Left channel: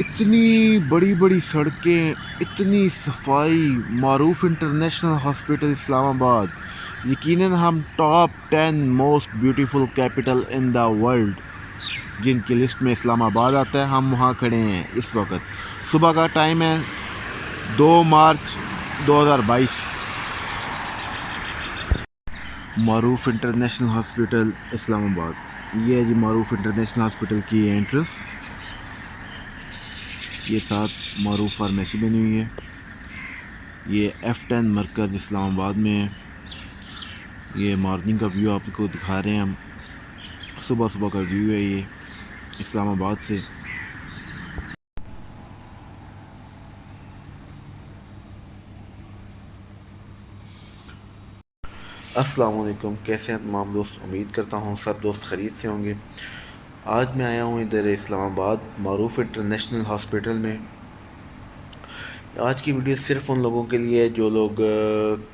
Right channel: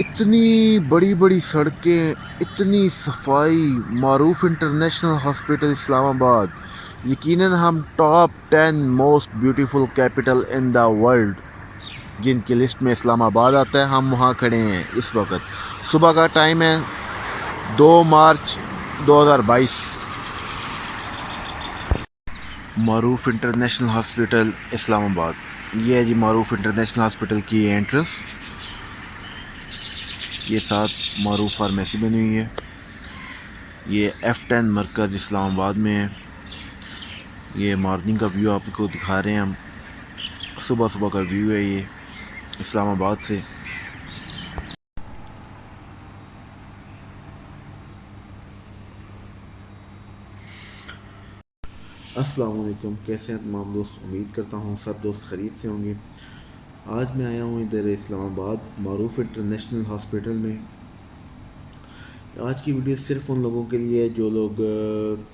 इतनी बड़ी बड़ी सड़कें, इतनी सफाई, मारूफ इंटरनेशनल हॉस्पिटल इस्लामाबाद, यकीनन हम top 10 most beautiful capital in the world जिनकी लिस्ट में इस्लामाबाद आता है, हम वहाँ खड़े हैं इस वक्त। सुबह का टाइम है 2 मार्च 2022। मारूफ इंटरनेशनल हॉस्पिटल इस्लामाबाद, ये है जी मारूफ इंटरनेशनल हॉस्पिटल की एंट्रेंस। ये साथ मारूफ फार्मेसी बनी हुई है। ये F10 मरकज़ इस्लामाबाद में है। ये मॉर्निंग का व्यू आपको दिखा रहे हैं हम। सुबह सुबह का व्यू है ये इस्लामाबाद से। अस्सलाम वालेकुम, कैसे हैं तमाम दोस्त? उम्मीद करता हूँ सब दोस्त खरीद से होंगे। आज मैं आया हूँ इधर इस्लामाबाद मारूफ इंटरनेशनल हॉस्पिटल में। आज की वीडियो सिर्फ़ उन लोगों के लिए है जो लोग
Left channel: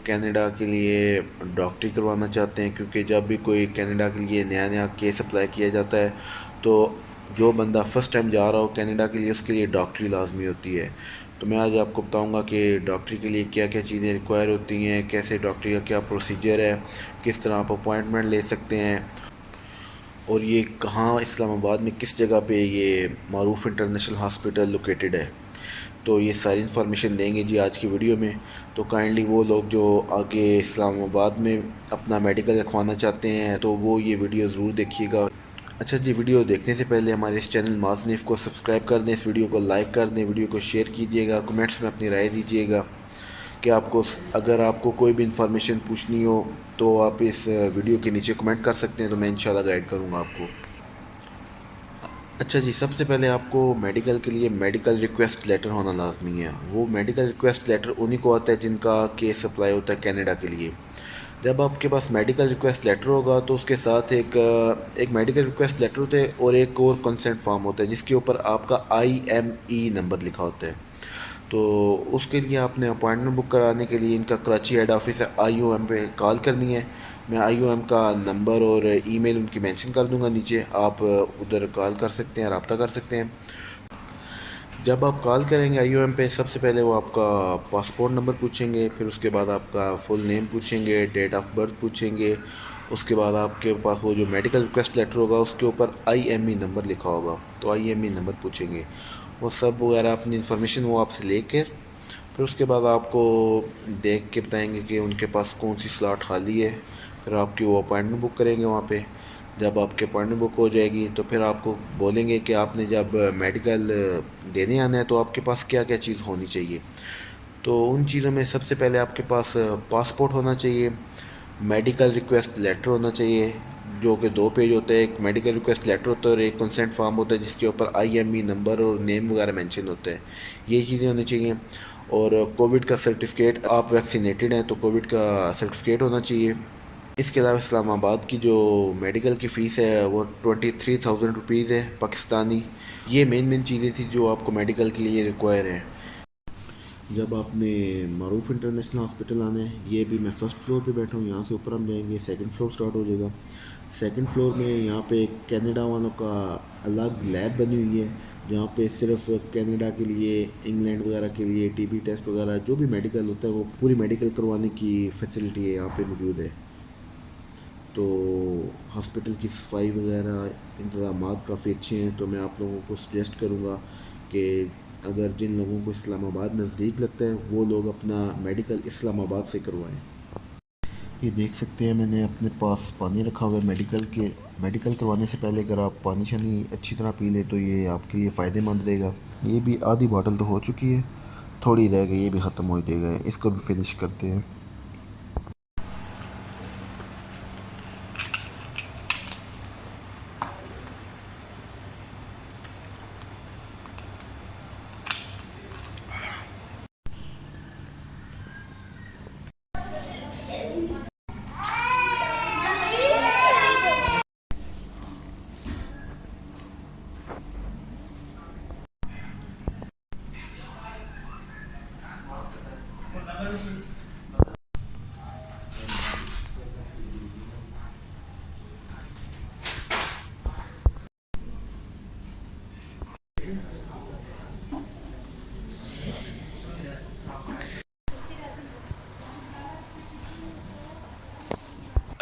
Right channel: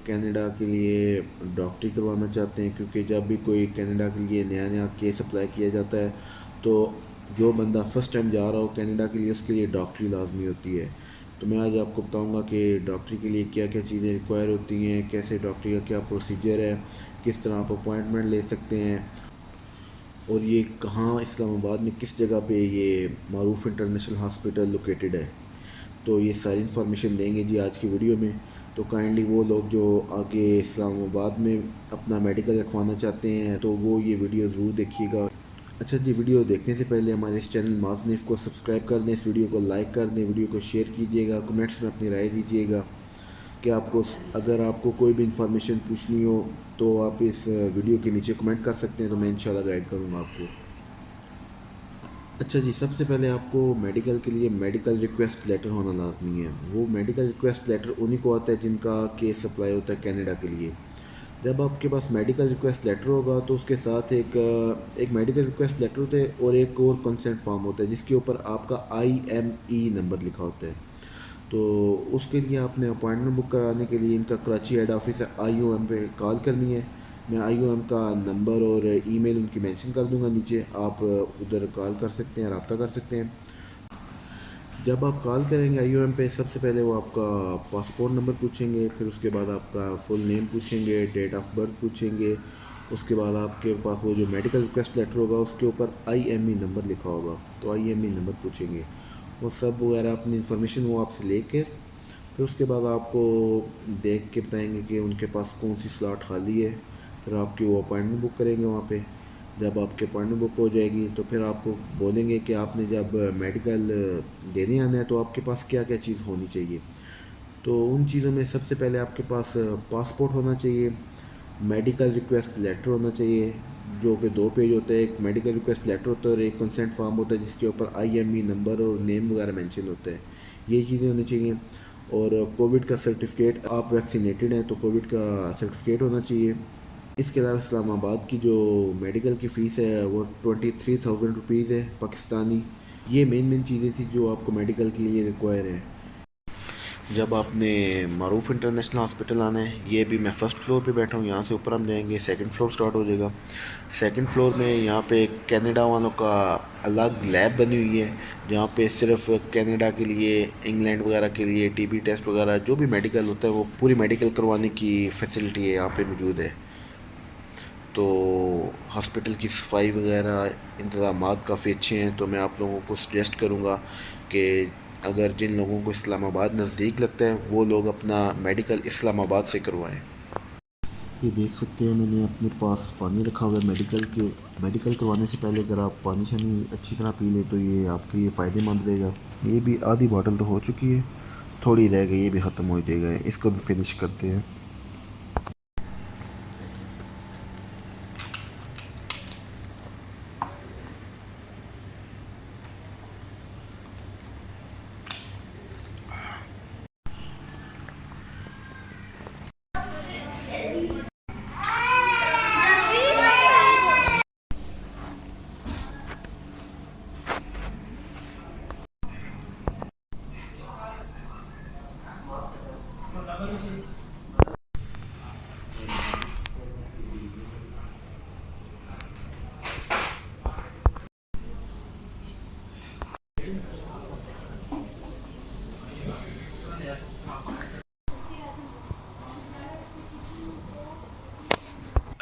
कनाडा के लिए डॉक्टरी करवाना चाहते हैं, क्योंकि जब भी कोई कनाडा के लिए नया नया केस अप्लाई किया जाता है तो जो बंदा फ़र्स्ट टाइम जा रहा हो कनाडा के लिए, उसके लिए डॉक्टरी लाजमी होती है। तो मैं आज आपको बताऊंगा कि डॉक्टरी के लिए क्या क्या चीज़ें रिक्वायर होती हैं, कैसे डॉक्टरी का क्या प्रोसीजर है, किस तरह आप अपॉइंटमेंट ले सकते हैं, और ये कहाँ इस्लामाबाद में किस जगह पे ये मारूफ इंटरनेशनल हॉस्पिटल लोकेटेड है। तो ये सारी इन्फॉर्मेशन देंगे जी आज की वीडियो में। तो काइंडली वो लोग जो आगे इस्लामाबाद में अपना मेडिकल रखवाना चाहते हैं तो वो ये वीडियो ज़रूर देखिएगा। अच्छा जी, वीडियो देखने से पहले हमारे इस चैनल मासनिफ़ को सब्सक्राइब कर दें, इस वीडियो को लाइक कर दें, वीडियो को शेयर कीजिएगा, कमेंट्स में अपनी राय दीजिएगा कि आपको अगर आपको कोई भी इंफॉर्मेशन पूछनी हो तो आप इस वीडियो के नीचे कमेंट कर सकते हैं, तो मैं इंशाल्लाह गाइड करूँगा आपको। अच्छा जी, सबसे पहले आपको मेडिकल के लिए मेडिकल रिक्वेस्ट लेटर होना लाजमी है। वो मेडिकल रिक्वेस्ट लेटर उन्हीं को आता है जिनका केस अप्लाई होता है कनाडा के लिए। जब आपके पास मेडिकल रिक्वेस्ट लेटर होगा तो उसके साथ एक मेडिकल रिक्वेस्ट लेटर होता है और एक और कंसेंट फॉर्म होता है जिसके ऊपर आपका IME नंबर लिखा होता है। तो उसके लिए आपने अपॉइंटमेंट बुक कराने के लिए इनका कराची हेड ऑफिस है IOM पे कॉल करनी है। मैं IOM का नंबर और ईमेल उनकी मेंशन कर दूंगा नीचे, आप उधर कॉल कर सकते हैं, रब्ता कर सकते हैं। जब आप कॉल करेंगे IOM पे, सबसे पहले वो आपका पासपोर्ट नंबर पूछेंगे, फिर उसके बाद आपका फुल नेम पूछेंगे, डेट ऑफ बर्थ पूछेंगे। उसके बाद आपके पास वो जो मेडिकल रिक्वेस्ट लेटर होगा उसके ऊपर IME नंबर लिखा होगा, तो IME नंबर पूछेंगे। वो सब वगैरह अपनी इन्फॉर्मेशन वो आपसे लेकर फिर उसके बाद आपको देख के बताएंगे कि उनके पास कौन सी स्लॉट खाली है। फिर आपकी वो अपॉइंटमेंट बुक करेंगे वहाँ पे। जब आपकी अपॉइंटमेंट बुक हो जाएगी तो फिर आपको बोलेंगे कि आपने जब मेडिकल देने आना है तो आपके पास क्या क्या चीज़ होनी चाहिए। तो उन चीज़ों में सबसे पहले आपके पास पासपोर्ट होना चाहिए, मेडिकल रिक्वेस्ट लेटर होना चाहिए जो कि 2 पेज होता है। एक मेडिकल रिक्वेस्ट लेटर होता है और एक कंसेंट फॉर्म होता है जिसके ऊपर IME नंबर और नेम वगैरह मेंशन होता है। ये चीज़ें होनी चाहिए। और कोविड का सर्टिफिकेट, आप वैक्सीनेटेड हैं तो कोविड का सर्टिफिकेट होना चाहिए। इसके अलावा इस्लामाबाद की जो मेडिकल की फ़ीस है वो 23,000 रुपीज़ है पाकिस्तानी। ये मेन मेन चीज़ें थी जो आपको मेडिकल के लिए रिक्वायर है। जब आपने मारूफ इंटरनेशनल हॉस्पिटल आना है, ये भी मैं फ़र्स्ट फ्लोर पे बैठा हूँ, यहाँ से ऊपर हम जाएंगे सेकंड फ्लोर स्टार्ट हो जाएगा। सेकंड फ्लोर में यहाँ पे कनाडा वालों का अलग लैब बनी हुई है जहाँ पे सिर्फ कनाडा के लिए, इंग्लैंड वगैरह के लिए TB टेस्ट वगैरह जो भी मेडिकल होता है वो पूरी मेडिकल करवाने की फैसिलिटी है यहाँ पे मौजूद है। तो हॉस्पिटल की सफाई वगैरह इंतज़ामात काफ़ी अच्छे हैं। तो मैं आप लोगों को सजेस्ट करूँगा कि अगर जिन लोगों को इस्लामाबाद नज़दीक लगता है वो लोग अपना मेडिकल इस्लामाबाद से करवाएं। ये देख सकते हैं मैंने अपने पास पानी रखा हुआ है मेडिकल करवाने से पहले अगर आप पानी शानी अच्छी तरह पी लें तो ये आपके लिए फ़ायदेमंद रहेगा। ये भी आधी बॉटल तो हो चुकी है, थोड़ी रह गई, ये भी ख़त्म हो जाएगा, इसको भी फिनिश करते हैं।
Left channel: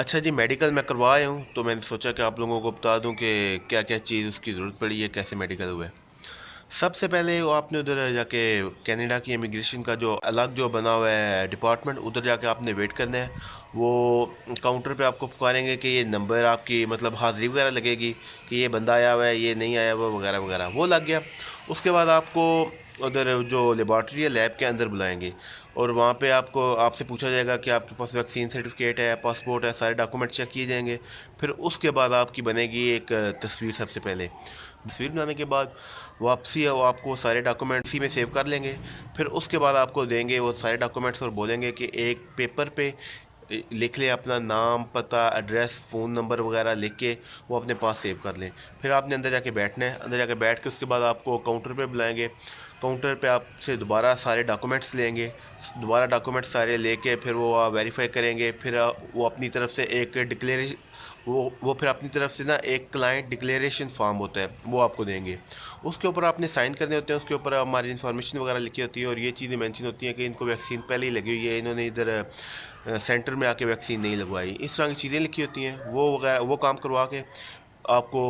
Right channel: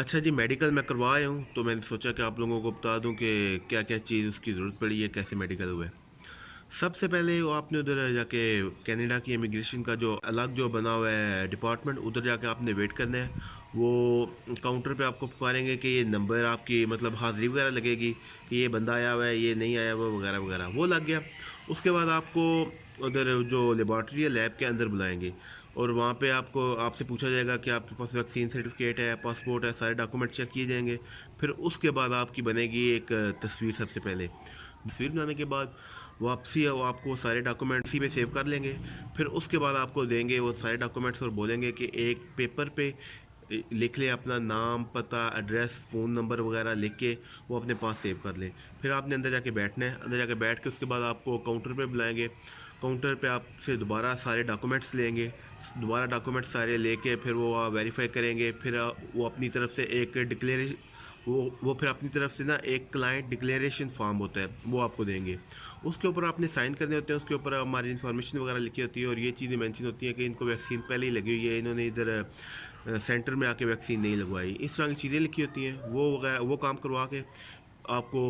अच्छा जी, मेडिकल मैं करवा आया हूँ, तो मैंने सोचा कि आप लोगों को बता दूँ कि क्या-क्या चीज़ उसकी ज़रूरत पड़ी है, कैसे मेडिकल हुआ है। सबसे पहले वो आपने उधर जाके कनाडा की इमिग्रेशन का जो अलग जो बना हुआ है डिपार्टमेंट, उधर जाके आपने वेट करना है। वो काउंटर पे आपको पुकारेंगे कि ये नंबर आपकी मतलब हाज़िरी वगैरह लगेगी कि ये बंदा आया हुआ है, ये नहीं आया हुआ वगैरह वगैरह, वो लग गया। उसके बाद आपको उधर जो लेबॉर्ट्री है लैब के अंदर बुलाएंगे और वहाँ पे आपको आपसे पूछा जाएगा कि आपके पास वैक्सीन सर्टिफिकेट है, पासपोर्ट है, सारे डॉक्यूमेंट चेक किए जाएंगे। फिर उसके बाद आपकी बनेगी एक तस्वीर। सबसे पहले तस्वीर बनाने के बाद वापसी है वो आपको सारे डॉक्यूमेंट इसी में सेव कर लेंगे। फिर उसके बाद आपको देंगे वो सारे डॉक्यूमेंट्स और बोलेंगे कि एक पेपर पे लिख लें अपना नाम, पता, एड्रेस, फ़ोन नंबर वगैरह लिख के वो अपने पास सेव कर लें। फिर आपने अंदर जाके बैठना है। अंदर जाके बैठ के उसके बाद आपको काउंटर पे बुलाएंगे। काउंटर पे आपसे दोबारा सारे डॉक्यूमेंट्स लेंगे। दोबारा डॉक्यूमेंट सारे लेके फिर वो वेरीफाई करेंगे। फिर वो अपनी तरफ से एक डिक्लेरेशन वो फिर अपनी तरफ से ना एक क्लाइंट डिक्लेरेशन फॉर्म होता है वो आपको देंगे। उसके ऊपर आपने साइन करने होते हैं। उसके ऊपर हमारी इन्फॉर्मेशन वगैरह लिखी होती है और ये चीज़ें मेंशन होती हैं कि इनको वैक्सीन पहले ही लगी हुई है, इन्होंने इधर सेंटर में आके वैक्सीन नहीं लगवाई। इस तरह की चीज़ें लिखी होती हैं। वो वगैरह वो काम करवा के आपको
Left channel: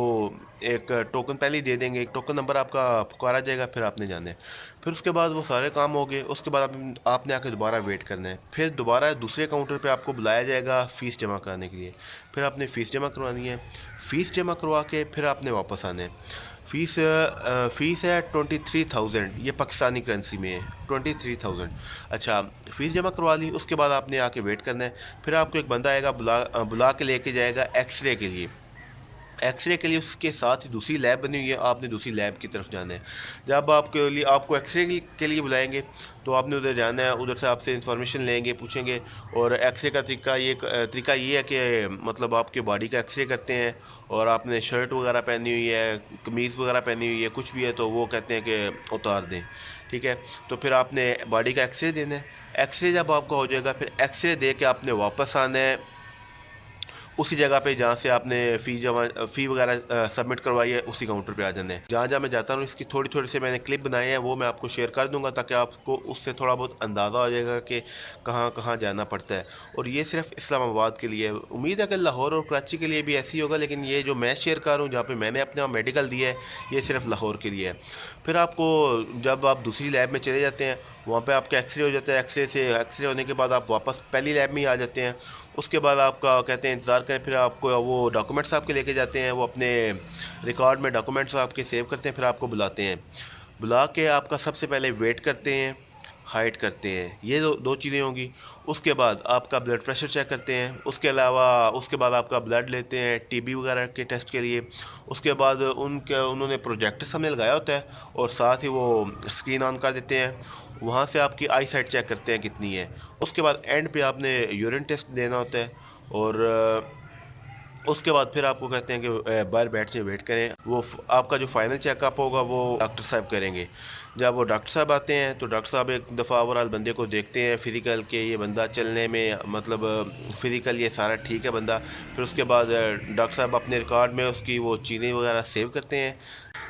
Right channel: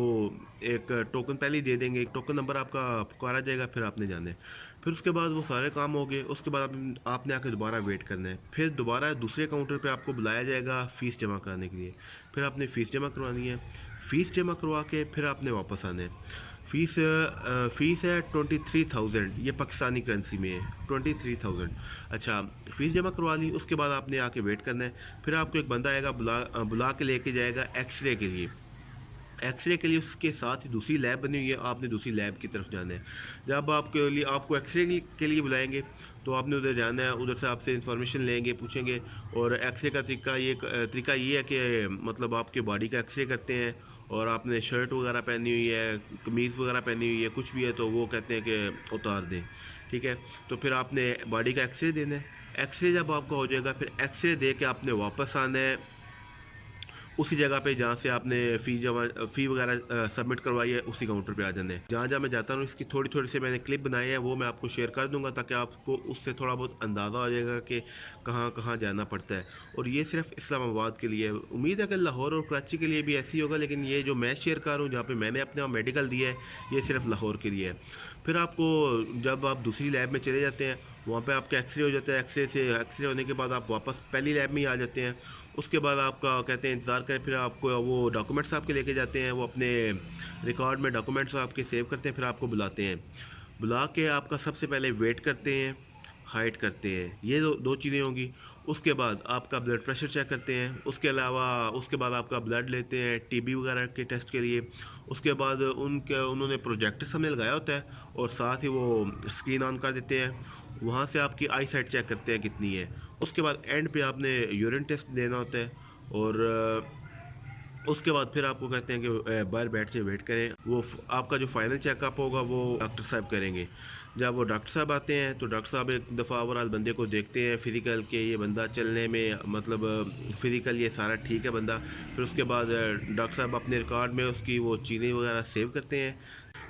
एक टोकन पहले ही दे देंगे। एक टोकन नंबर आपका पुकारा जाएगा, फिर आपने जाना है। फिर उसके बाद वो सारे काम हो गए। उसके बाद आपने आके दोबारा वेट करना है। फिर दोबारा दूसरे काउंटर पे आपको बुलाया जाएगा फ़ीस जमा कराने के लिए। फिर आपने फ़ीस जमा करवानी है। फ़ीस जमा करवा के फिर आपने वापस आना है। फ़ीस है 23,000, ये पाकिस्तानी करेंसी में है 23,000। अच्छा, फ़ीस जमा करवा ली। उसके बाद आपने आके वेट करना है। फिर आपको एक बंदा आएगा, बुला के लेके जाएगा एक्सरे के लिए। एक्सरे के लिए उसके साथ ही दूसरी लैब बनी हुई है, आपने दूसरी लैब की तरफ जाना है। जब आपके लिए आपको एक्सरे के लिए बुलाएंगे तो आपने उधर जाना है। उधर से आपसे इन्फॉर्मेशन लेंगे, पूछेंगे। और एक्सरे का तरीका ये है कि मतलब आपके बॉडी का एक्सरे करते हैं और आपने शर्ट वगैरह पहनी हुई है, कमीज़ वगैरह पहनी हुई है, कुछ भी है तो वो कहते हैं कि उतार दें। ठीक है, तो फिर आपने बॉडी का एक्सरे देना है। एक्सरे जब आपका हो जाएगा फिर एक्सरे दे के आपने वापस आना है उसी जगह पे जहाँ से आपने फ़ी वगैरह सबमिट करवाई है, उसी काउंटर पे आ जाना है। जहाँ जहाँ मैं जाता हूँ इसकी थोड़ी थोड़ी से मैंने क्लिप बनाए हैं, वो मैं आपको शेयर कर दूंगा ताकि आपको उससे थोड़ा बहुत अंदाज़ा हो जाएगा कि कहाँ कहाँ जाना पड़ता है। और ये सिर्फ इस्लामाबाद के लिए है। उम्मीद है कि लाहौर और कराची के लिए भी ऐसे ही होगा, लेकिन ये जो मैं शेयर कर रहा हूँ जहाँ पर मैंने अपना मेडिकल दिया है, ये सिर्फ लाहौर के लिए है। फिर आपको जब आप दूसरी लैब में चले जाते हैं, वहाँ पे आपका एक्सरे हो जाता है। एक्सरे होने के बाद आप वापस पहली लैब में ही आ जाते हैं। उसके बाद आपका कहते हैं इंतज़ार करें। फिर आपको वो डॉक्यूमेंट्स आपके लेके जाते हैं। वो अपने रिकॉर्ड में डॉक्यूमेंट्स आपके सेव करते हैं। फिर आपको बुलाते हैं। बुला के आपका सबसे पहले वेट करते हैं, हाइट करते हैं। ये दो चीज़ें होंगी। उसके बाद आपका ब्लड प्रेशर चेक करते हैं। उसके अलावा उसके बाद आपका ब्लड लेते हैं टीबी वगैरह के टेस्ट के लिए। उसके बाद उन्होंने प्रोजेक्टर सामने लगाया होता है और साथ ही वो स्क्रीन ऑन कर देते हैं। वहाँ से आपकी आई साइट चेक करते हैं कितनी है। उसके बाद एंड पे आपने यूरिन टेस्ट देना होता है। और उसके बाद फिर आपको कहते हैं कि बाहर बैठ से वेट करें। आपका जो फाइनल चेकअप होगा वो डॉक्टर साहब करेंगे। जब वो डॉक्टर साहब आते हैं तो डॉक्टर साहब एक दफ़ा ओवरऑल बंदे को देखते हैं फिज़िकल के, ये बंदा चलने में मतलब फ़िज़िकल ये सारा ठीक है बंदा। फिर उसके बाद डॉक्टर साहब अपने रिकॉर्ड में उसकी वो चीज़ें वगैरह सेव करते हैं।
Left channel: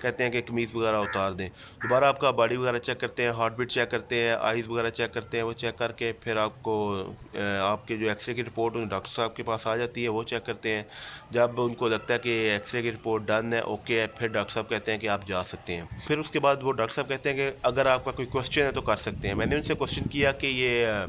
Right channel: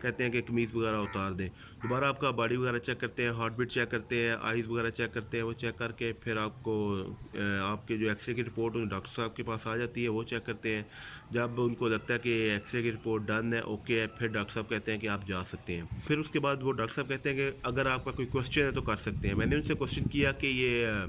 कहते हैं कि कमीज़ वगैरह उतार दें। दोबारा आपका बॉडी वगैरह चेक करते हैं, हार्ट बीट चेक करते हैं, आइज़ वगैरह चेक करते हैं। वो चेक करके फिर आपको आपके जो एक्सरे की रिपोर्ट उन डॉक्टर साहब के पास आ जाती है, वो चेक करते हैं। जब उनको लगता है कि एक्सरे की रिपोर्ट डन है, ओके है, फिर डॉक्टर साहब कहते हैं कि आप जा सकते हैं। फिर उसके बाद वो डॉक्टर साहब कहते हैं कि अगर आपका कोई क्वेश्चन है तो कर सकते हैं। मैंने उनसे क्वेश्चन किया कि ये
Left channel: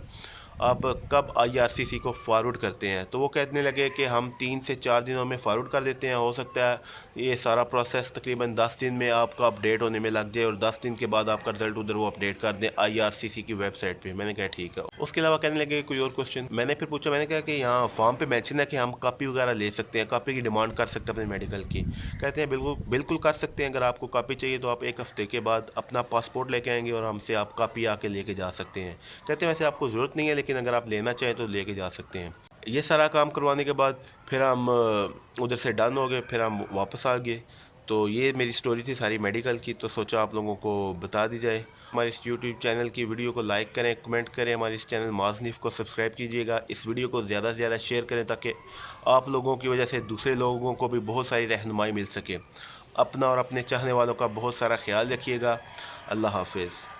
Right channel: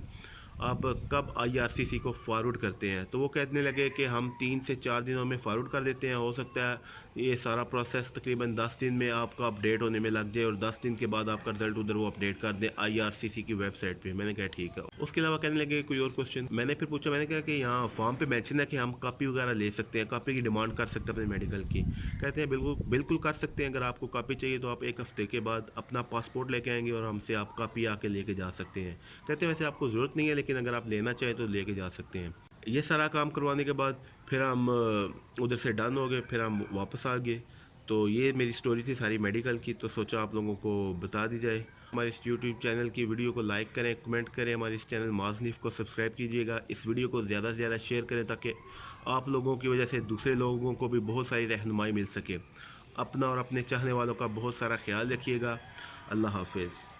आप कब आईआरसीसी को फॉरवर्ड करते हैं, तो वो कहने लगे कि हम 3 से 4 दिनों में फॉरवर्ड कर देते हैं। हो सकता है ये सारा प्रोसेस तकरीबन 10 दिन में आपका अपडेट होने में लग जाए और 10 दिन के बाद आपका रिजल्ट उधर वो अपडेट कर दें आईआरसीसी की वेबसाइट पे। मैंने कहा ठीक है। उसके अलावा कहने लगे कोई और क्वेश्चन। मैंने फिर पूछा, मैंने कहा कि यहाँ फॉर्म पे मेंशन है कि हम कॉपी वगैरह ले सकते हैं, कॉपी की डिमांड कर सकते हैं अपने मेडिकल की। कहते हैं बिल्कुल बिल्कुल कर सकते हैं। अगर आपको कॉपी चाहिए तो आप 1 हफ्ते के बाद अपना पासपोर्ट लेके आएंगे और हमसे आप कॉपी आके लेके जा सकते हैं। कहते हैं वैसे आपको ज़रूरत नहीं है, लेकिन अगर आप लेना चाहें तो लेके जा सकते हैं। ये सारा काम करवाने के बाद फिर हम उधर से डन हो गए। फिर हम वापस आ गए। तो ये मेरी स्टोरी थी सारी मेडिकल की, तो सोचा आप लोगों को बता दी जाए। हमारे इस यूट्यूब चैनल की वीडियो को लाइक करें, कमेंट करें। हमारे इस चैनल माज़नीफ़ को सब्सक्राइब कीजिएगा। इस वीडियो को ज़्यादा से ज़्यादा शेयर करें ताकि आप लोगों की वजह से दूसरे लोगों को भी बहुत सारी रहनुमाई मिल सके। अपना और अपने चाहने वालों का बहुत सारा ख्याल रखिएगा। अल्लाह हाफिज़।